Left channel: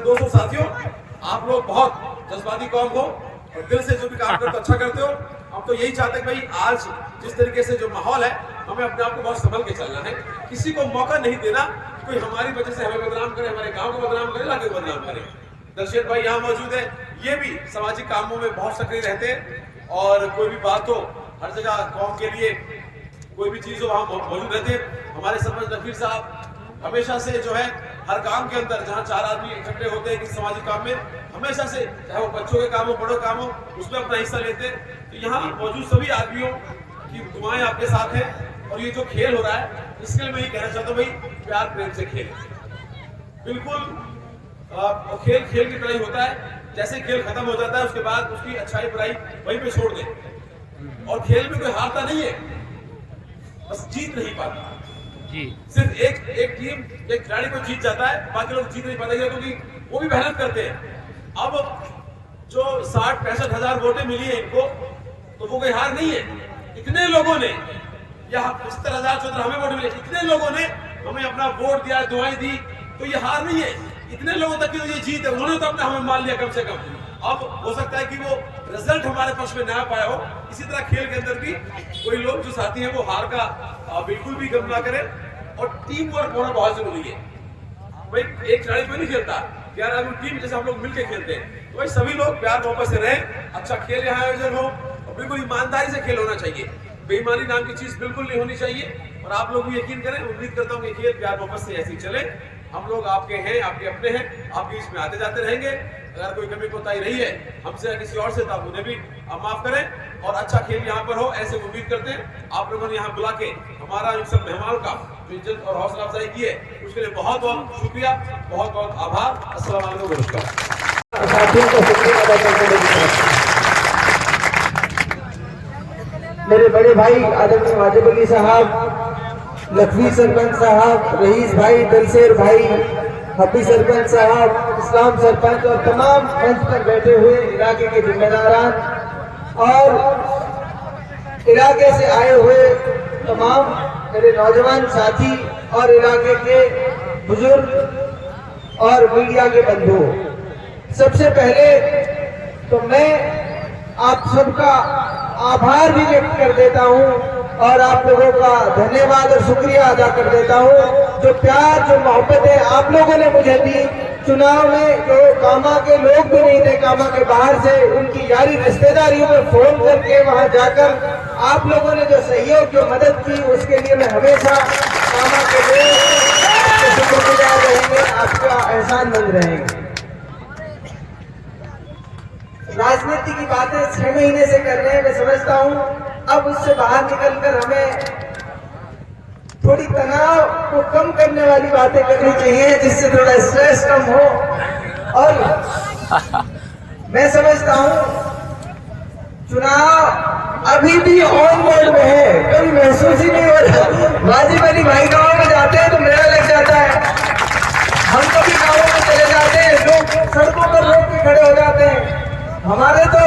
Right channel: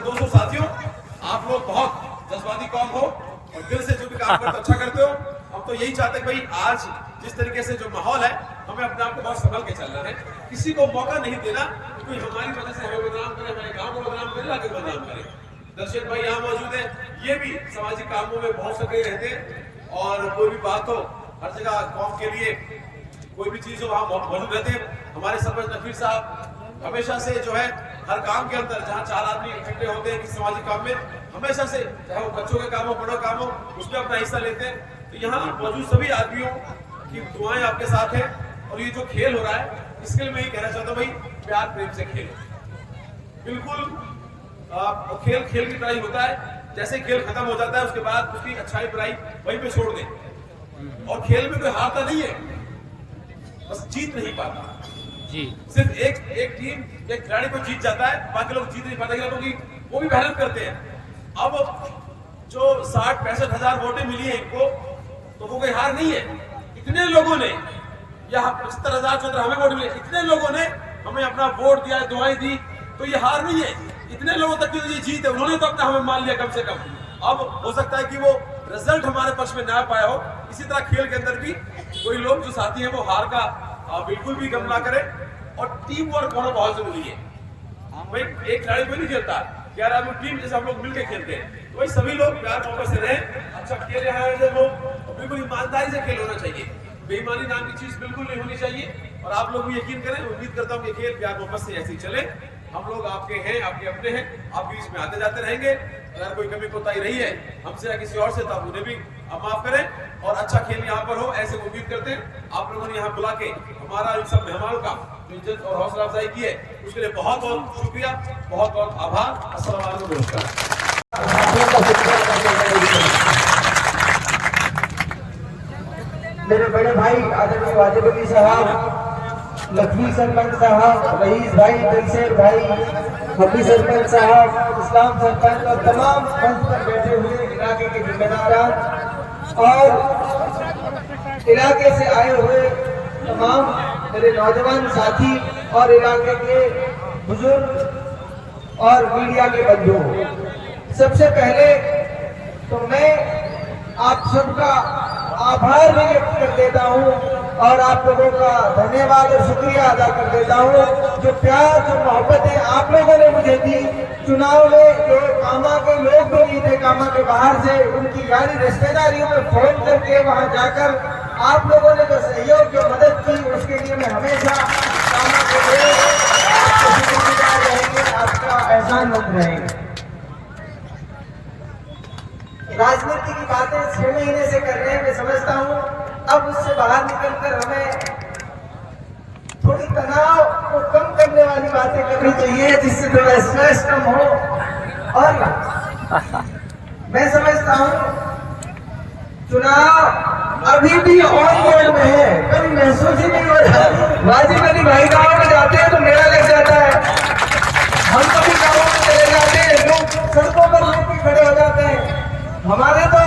दोस्तों साथियों, आप लोग बहुत जज्बाती कौम हो और दिल से जो भी काम करते हो अच्छा करते हो। हम तो यही चाहते हैं भाई आज जिस तरीके से जो माहौल है हमें अपने आप को बहुत संभल के चलना है। किसी को मौका नहीं देना कोई हमारी वजह से हमें बदनाम करे, हमारे गांव को बदनाम करे, इलाके को बदनाम करे। दर्शक भाई यहाँ मौजूद है, ये भी सामाजिक कामों में बहुत सक्रिय रहते हैं और कोई भी बात हो हर जगह कौम के लिए कोई भी चीज हो वहाँ मौजूद रहते हैं। हमारे सरपंच नकीर साहब हमेशा से जो है हर काम के अंदर जहाँ 4 आदमी इकट्ठे होते हैं किसी सामाजिक काम में, हमेशा से चाहे वो बच्चों के काम हो बड़ों काम हो उसमें अपना हिस्सा लेते हैं। तो यहाँ मौजूद सभी आदमियों की दुआएं आपके साथ हैं और ये जो खेल हो रहा है इसके लिए मैं ये कहना चाहता हूँ भाई प्यार प्रेम से खेल। बिल्कुल खेल खेल की तरह ही होता है, जैसे खेल खत्म हो जाता है उसके बाद उसकी अच्छाई बुराई वहीं पे छोड़ दें। और खेल में कोई हारता नहीं है, बस जीत नहीं पाता जी। सिर्फ एक टीम एक खिलाड़ी को जीत जाता है, बाकी लोग जीत नहीं पाते क्योंकि वो भी मेहनत करते हैं। अब जो 60-65 हजार वोटें मिली है इनको तो वो कोई हार नहीं है। इतने लोगों ने या 75,000 हमें वोट मिले, इतने लोगों ने हमें अपना वोट दिया, दुआएं दी, तो ये हार नहीं है। इतने लोगों तक की तो ये जीत है, उन्होंने तो अपना हमें मान लिया कम से कम। अब हो सकता है कि वो रिजल्ट हमारे पक्ष में ना पाया हो। इसी तरह खेल के अंदर भी कोई लोग जो साथी हैं वो हार का बिल्कुल भी गम ना करें और टीम वर्क होना बहुत जरूरी है। भाई एक खिलाड़ी कोई नहीं खेलता, 11 आदमी टीम जैसे हम लोग मिलकर खेलते हैं, तो भाई सभी लोग प्यार मोहब्बत से रहें। अच्छा खेल यहाँ है वो बिल्कुल ईमानदारी से खेल होना चाहिए, बेईमानी नाम की चीज बिल्कुल नहीं होनी चाहिए। और आप लोग भी यकीन करें, उम्मीद करता हूँ कि खेल प्यार मोहब्बत से ऐसे ही चले। हम लोग आपके हैं, आपके अपने हैं, आपके बीच में आते जाते रहेंगे। अगर कोई कमी कोताही रही है हमसे या किसी और से तो आप उन्हें भी माफ करें और अच्छा खेल यहाँ पर हो ऐसे उम्मीद करते हैं। आप लोगों ने यहाँ बुला के हमारा इन सब मेहमानों का जो इज्जत और हौसला अफजाई की है उसके लिए बहुत बहुत शुक्रिया, बहुत बहुत आभार। अस्सलाम वालेकुम, नमस्कार। मेरे बड़े भाई आदरणीय वाजिब अली साहब, लखवी सरपंच साहब, रईस भाई, दलसेर भाई, हबी सरपंच साहब, इस्लाम सरपंच और तमाम मंच पर बैठे हुए इलाके के जिम्मेदारान और इलाके से आए हुए तमाम मेरे नौजवान साथी और इलाके के बुजुर्ग और मीडिया के बंधु, सबसे पहले तो मैं आप सबका आभार भी व्यक्त कर देता हूँ और आप लोगों का धन्यवाद और शुक्रिया अदा कर देता हूँ। जो प्यार जो मोहब्बतें आप लोगों ने मुझे दी, चुनाव में जो कामा के लोग भी नहीं थे, कामा के बाहर से उनकी यारी रिश्तेदारियों में फोन करके वहां जाकर आप लोगों ने जो सहयोग जो मदद की उसके लिए मैं हमेशा कामा के लोग शुक्रगुजार रहेंगे, आपका एहसानमंद रहेंगे। राजनीति की बातें 6 महीने से कर रहे हैं, मैं समझता हूँ अब उससे बाहर निकलकर हमें थोड़ी तनाव को कम करने वाली बातें करनी चाहिए जिससे थोड़ा स्ट्रेस कम हो। और मैं समझता हूँ चुनाव अभी भी ऑन बोर्ड में है, कभी महसूस ही नहीं हो रहा। वाजिब अली भाई गाँव में जाते हैं तो मेला लग जाता है, हम कभी गाँवों में चले जाते हैं, लोग सड़कों पर रोक के खड़े हो जाते हैं। हमारे तो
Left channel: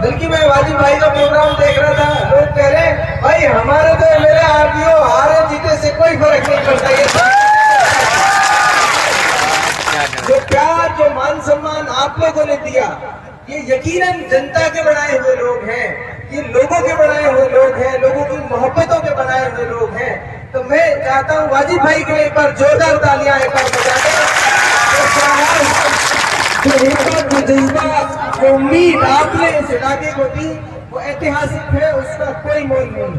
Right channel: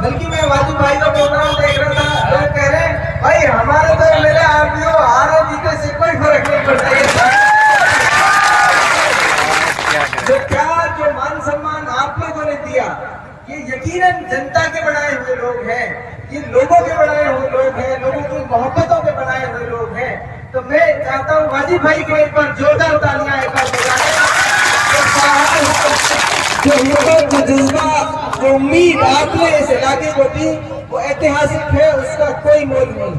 बल्कि मैं वाजिब भाई का प्रोग्राम देख रहा था, लोग कह रहे हैं भाई हमारे तो मेरे आरपीओ हारे जीते से कोई फर्क नहीं पड़ता। जो प्यार जो मान सम्मान आप लोगों ने दिया ये यकीनन जनता के बनाए हुए लोग हैं, ये लोगों के बनाए हुए लोग हैं, लोगों की मोहब्बतों के बनाए हुए लोग हैं। तो मैं चाहता हूँ वाजिब भाई को एक बार जोरदार तालियां एक बार जो उम्मीद आपने इस इलाके को दी वो ऐतिहासिक है, उसका कोई मोल नहीं।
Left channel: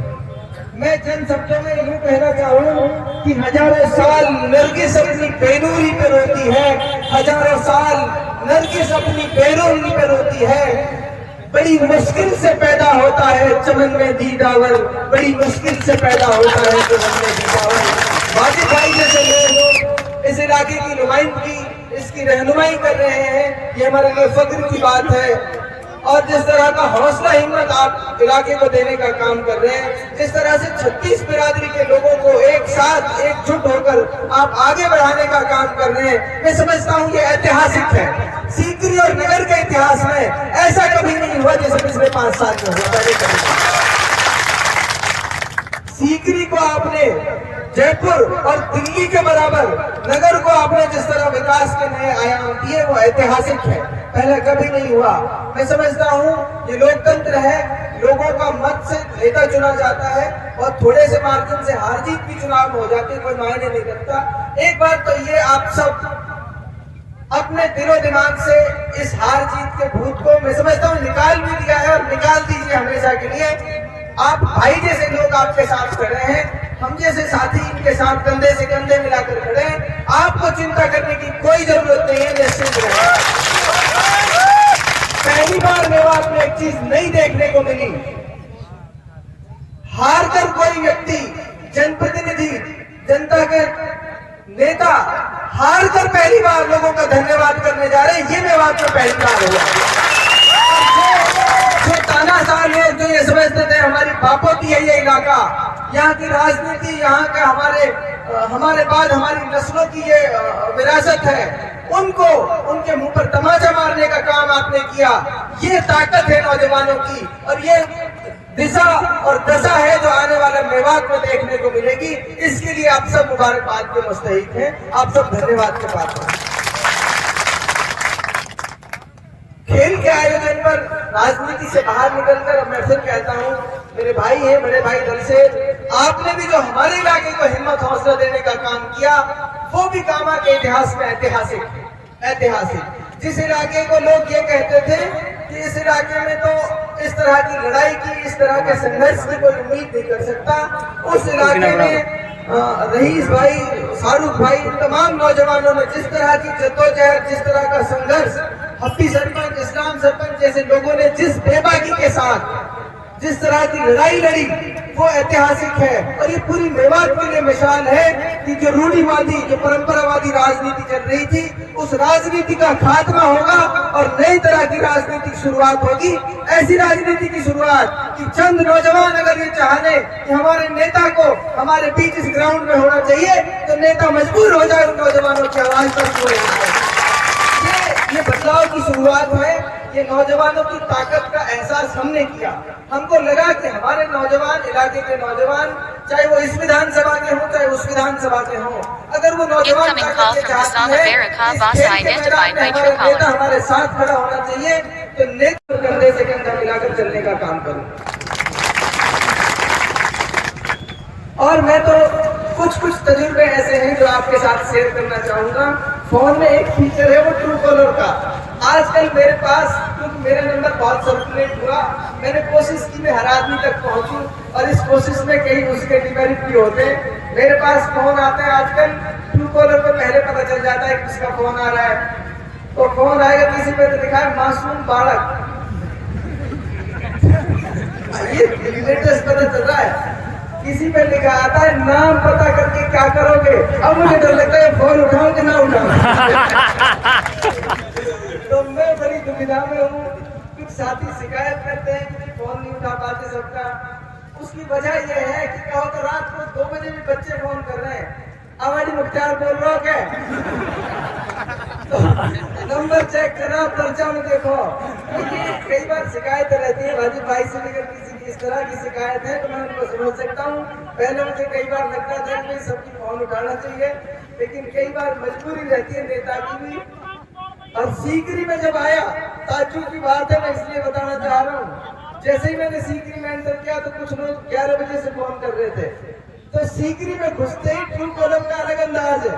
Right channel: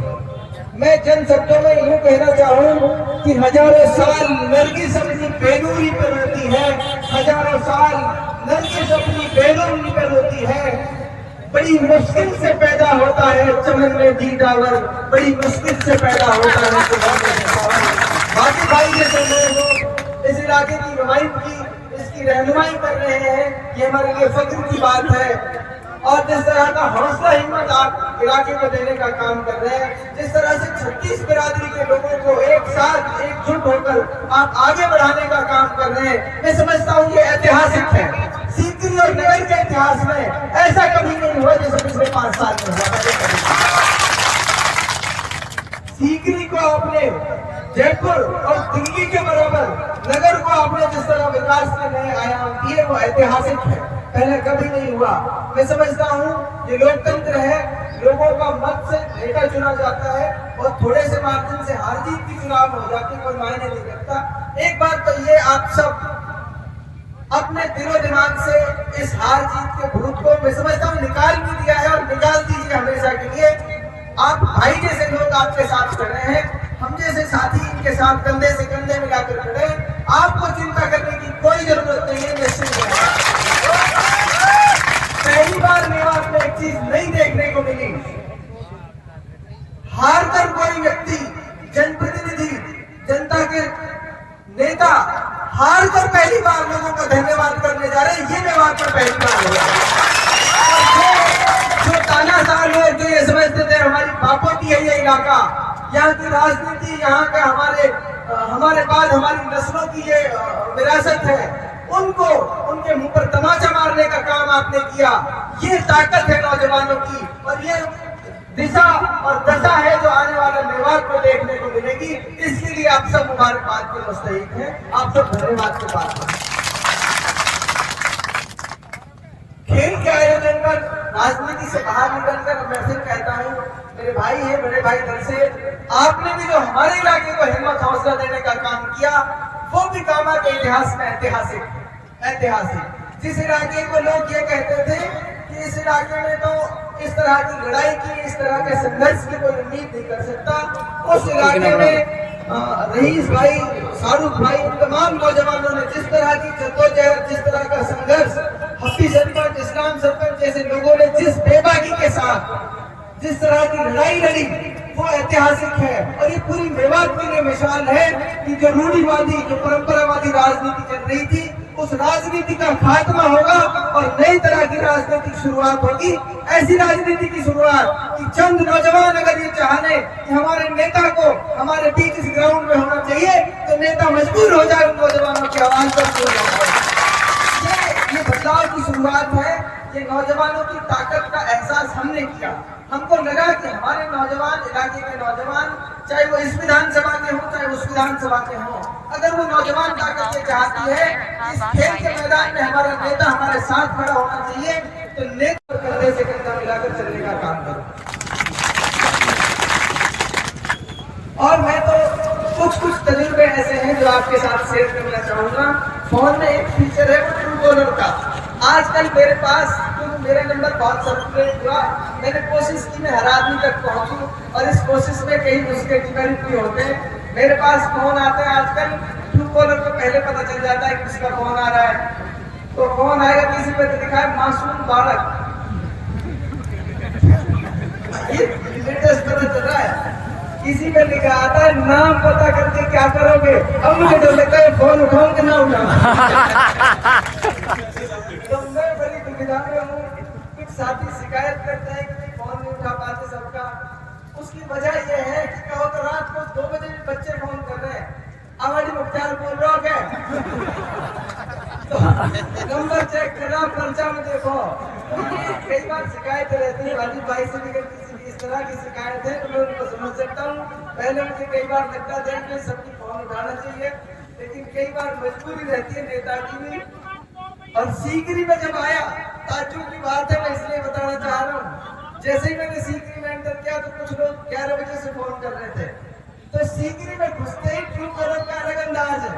मैं चंद शब्दों में यूँ कहना चाहूँ कि हजारों साल नरगिस अपनी बेनूरी पर रोती है, हजारों साल नरगिस अपनी बेनूरी पर रोती है। बड़ी मुश्किल से पैदा होता है चमन में दीदावर, बड़ी मुश्किल से पैदा होता है। वाजिब भाई जैसे लोग इस इलाके की नुमाइंदगी इसकी रहनुमाई कर रहे हैं, ये हमारे लिए फख्र की बात है। और जिस तरह का हौसला हिम्मत आप इलाके को देने का काम कर रहे हैं, जिस तरह से 36 बिरादरी के लोगों को एक साथ एकजुट होकर होकर आप आगे बढ़ाने का काम कर रहे हैं। मैं समझता हूँ ये ऐतिहासिक है। सीकरी और नगर के इतिहास में ऐसा कभी नहीं हुआ जैसे पिछले 5 साल में हुआ। पहले कभी नहीं। सीकरी को आपने जयपुर और दिल्ली के बराबर, नगर को आपने जिस तरह विकास के नए आयाम दिए वो ऐतिहासिक है, पहले कभी नहीं हुआ। मैं समझता हूँ ये लोकतंत्र है, लोगों का मत से नेता चुना जाता है और थोड़े से मार्जिन से हार जीत भी चुनाव हो जाते कोई मायने नहीं रखता। एक बात तो ये आप सब अपने दिलो दिमाग से इस हार जीत के भूत को मैं समझता हूँ निकाल भी दिया है और निकाल दीजिए हमेशा के लिए। आप भाई जैसे लोग आपके साथ खड़े हैं, हम जैसे साथी इनके साथ कंधे से कंधे मिलाकर खड़े हैं। आपको चिंता करने की कोई जरूरत नहीं है। निश्चित पहली बार मेवात में एक चीज नई देखने को मिली, हार कर कोई व्यक्ति, जनप्रतिनिधि, जनता के नेता हार कर पहली बार लोगों का धन्यवाद करने जा रहे हैं। ये मेवात में पहली बार हुआ। जो तानाशाह लोग जो ये समझते थे हमारी बापों की है ये इलाका, यहाँ की राजनीति, यहाँ का हमारे बाद हमारी नस्लों की ये विरासत है, उनको उनके मुंह पर तमाचा मारने का काम आपने किया। ये ताकत है नौजवानों की और ये दिशा और दशा है जो आने वाले मेवात में देखने को मिलेगी। इसके लिए आप सब मुबारकबाद के मुस्तहिक हैं, आप सब धन्यवाद के पात्र हैं। खेल के आयोजन पर राजनीति से बाहर निकलकर मैं फिर कहता हूँ, मेरे भाई हैं, बड़े भाई दल से आपने भी जो हमारे इलाके को हिम्मत हौसला देने का काम किया वो भी कामा के इतिहास में ऐतिहासिक। जिस इलाके को लोग ये कहते थे कि इस इलाके में तो इस तरह की लड़ाई की, इस तरह के संघर्ष की कोई उम्मीद नहीं कर सकता, उस इलाके में रईस भाई, शाहरुख भाई, तमाम नौजवानों ने जिस तरह की जद्दोजहद, जिस तरह का संघर्ष, हफ्ती सरपंच, इस्लाम सरपंच जैसे लोगों ने जिस बेबाकी के साथ जिस तरह की लड़ाई लड़ी वो ऐतिहासिक है। और ये पूरी मेवात के लिए मिसाल है कि जो रूढ़िवादी, जो परंपरावादी राजनीति चल रही थी उस राजनीति का खात्मा होगा और नई तरह की राजनीति की शुरुआत होगी। ऐसी राजनीति की शुरुआत कि चंद नौजवान अगर ये चाहे कि हमारे नेता को हमारे बीच इस ग्राउंड में होना चाहिए तो नेता मजबूर हो जाए नौजवानों की आवाज पर बोले। ये बदलाव की शुरुआत है। ये नौजवानों की ताकत का एहसास हमने किया। हमको लगा कि हमारे नौजवान, इलाके के नौजवान, चाहे वो इस विधानसभा के हों चाहे उस विधानसभा के हों, अगर वो नौजवान ताकत ये चाहती है इस खेल के मैदान में हमारा नेता हमारे साथ खड़ा होना चाहिए तो नेता कंधे से कंधा मिलाकर चलने का काम करूं। और मैं तो कुछ तजुर्बे ऐसे हैं जो आपके साथ शेयर करना चाहूंगा। फोन में एक फीचर है वो ट्रू कॉलर का। आजकल मेरे पास, क्योंकि मेरा नंबर बहुत सर्कुलेट हुआ, मैंने कोशिश की मैं हर आदमी तक पहुंचूं और इस कोशिश में कई उसके डिमेरिट भी होते हैं। मेरे पास फोन आता है आजकल, ट्रू कॉलर पे पहले पता चल जाता है किसका फोन आ रहा है। तो फोन आएगा, किसी पे तो लिखा है मासूम बालक, ये लेटेस्ट पता चल रहा है। किसी पे लिखा आता है नाम पता करके क्या करोगे। अब मुझे डर लगता है फोन उठाऊं कि ना उठाऊं। तो मैं बड़ी दुविधा में हूँ। कुछ साथी शिकायत करते हैं कि फोन नहीं उठा पाते सबका। उसकी वजह यह है कि कहो तो रात को 2 बजे भी बच्चे फोन कर रहे हैं, हमारी मुख्तार बोल रहा हो क्या, तो नंबर चेक करा, पर्चा में देखो। कई बार शिकायत रहती है भाजी भाई से भी, किसी की इस तरह की शिकायत है तो मैं उनको समझ सकता हूँ। पहले मुझे कई बार लगता था कि सबकी फोन उठाना चाहिए, लेकिन कई बार मजबूरी रहती है नेता की भी। और सीकरी में जब आया, ताज्जुब की बात है, मैं इसलिए बताना चाह रहा हूँ, जैसे ही मैंने सीकरी में एंटर किया तो कुछ लोग 11 बजे से फोन कर रहे थे। तो सीकरी में घुसते ही ट्रू कॉलर का अलग अंदाज है।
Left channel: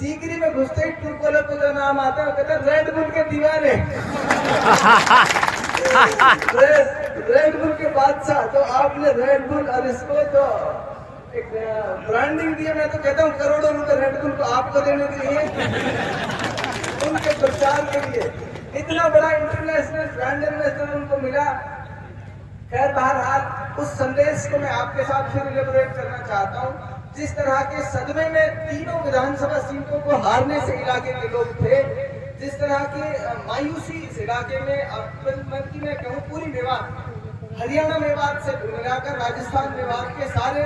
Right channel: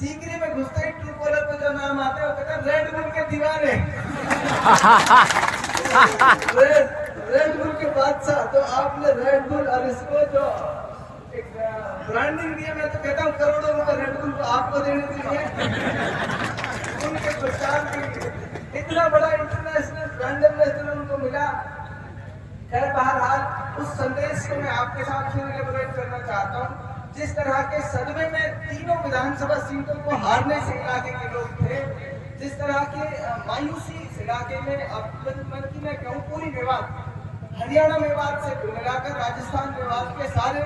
सीकरी में घुसते ही ट्रू कॉलर पे जो नाम आता है वो कहते हैं रेड बुल के दीवाने, रेड बुल के बादशाह। तो आपने रेड बुल और इसको जो एक ब्रांडिंग दी है, मैं तो कहता हूँ करोड़ों रुपए रेड बुल को आपको देने के लिए, उनके प्रचार के लिए इतना बड़ा इंटरनेशनल ब्रांड एम्बेसडर उनको मिला। खैर बहरहाल उस संदेश को मैं आपके साथ फिर इलेबोरेट करना चाहता हूँ। जिस तरह के सदमे में तीनों विधानसभा सीटों को हारने से इलाके के लोग थे, जिस तरह की मायूसी इस इलाके में, और मन की मैं कहूँ पूरी मेवात, हरियाणा मेवात से मिलाकर राजस्थान मेवात के सारे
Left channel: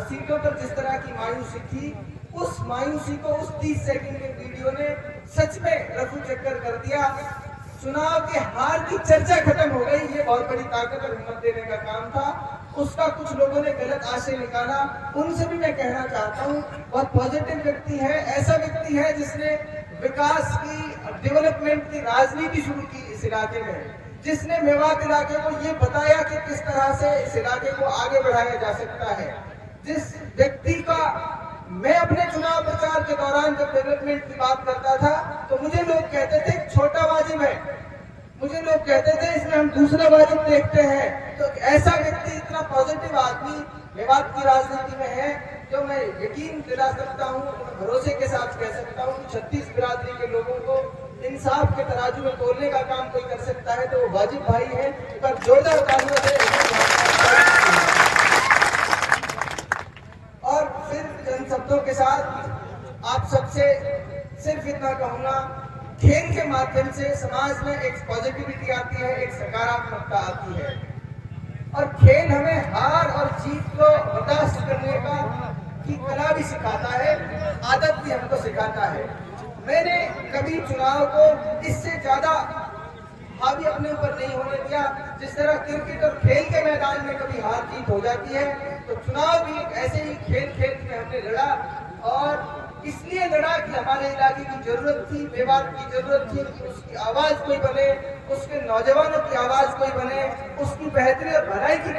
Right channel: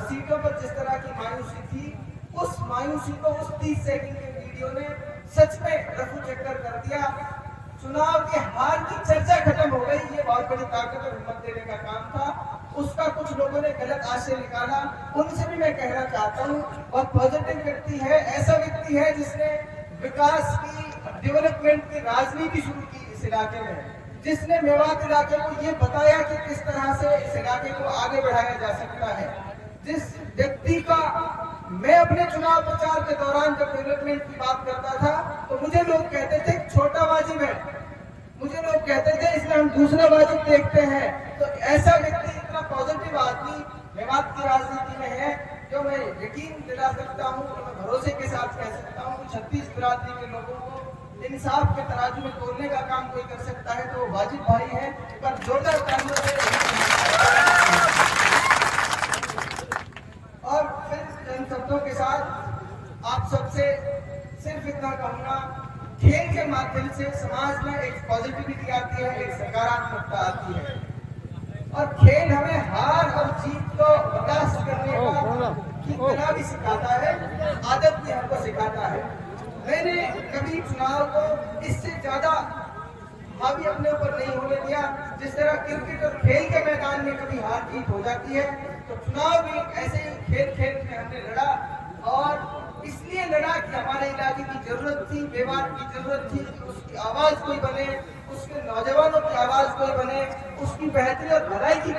सीटों पर जिस तरह की मायूसी थी, उस मायूसी को उस 30 सेकंड के वीडियो ने सच में रफू चक्कर कर दिया। चुनाव के हार की चर्चा खत्म हो गई। ये बहुत बड़ी ताकत और हिम्मत देने का काम था। उसका कुछ लोगों ने गलत आशय निकाला, उनसे भी मैं कहना चाहता हूँ, बहुत पॉजिटिव व्यक्ति है, ऐसा व्यक्ति है जिसने विकास की, डेवलपमेंट की राजनीति शुरू की इस इलाके में, जिसने मेवात इलाके को ये बताया कि किस तरह से इस इलाके को आगे बढ़ाया जा सकता है। जिस व्यक्ति का मैं अपने चुनाव प्रचार के दौरान जब डेवलपमेंट की बात करता था तो मुझे लोग कहते थे छोटा वाजिब है, मुझे लोग कहते थे इसमें हम दूसरा वाजिब देखते हैं। तो ऐसा व्यक्ति, इतना पॉजिटिव आदमी मेवात की राजनीति में है, जो मैं यकीन दिला सकता हूँ, मैं भरोसे के साथ कह सकता हूँ कि 36 बिरादरी के लोगों को इंसाफ के तराजू में तोलने का काम कोई कर सकता है तो वो वाजिब भाई है। एक बार जोरदार तालियों से। और फिर जन शब्दों के साथ आप सबसे सिर्फ इतना कहूंगा, खेल के माध्यम से समाज में एक पॉजिटिविटी आती है, एक सकारात्मकता आती है, और खेल हमें हार और जीत को बर्दाश्त करने का की कला भी सिखाता है, आदत भी हमको सिखाता है। मैंने कभी चुनाव को इससे ज्यादा हावी अपने ऊपर नहीं होने दिया। जिस तरह क्रिकेट और खेल के मैदान में कभी हार जीत हो जाती है, तो चुनाव भी एक ऐसे ही खेल में हमने लड़ा, और इसलिए लड़ा कि हमारे इलाके की जरूरत थी, मेवात की जरूरत थी कि उसकी आवाज कोई बने, उसके नौजवानों की आवाज कोई बने, उसकी बेहतरी और भलाई की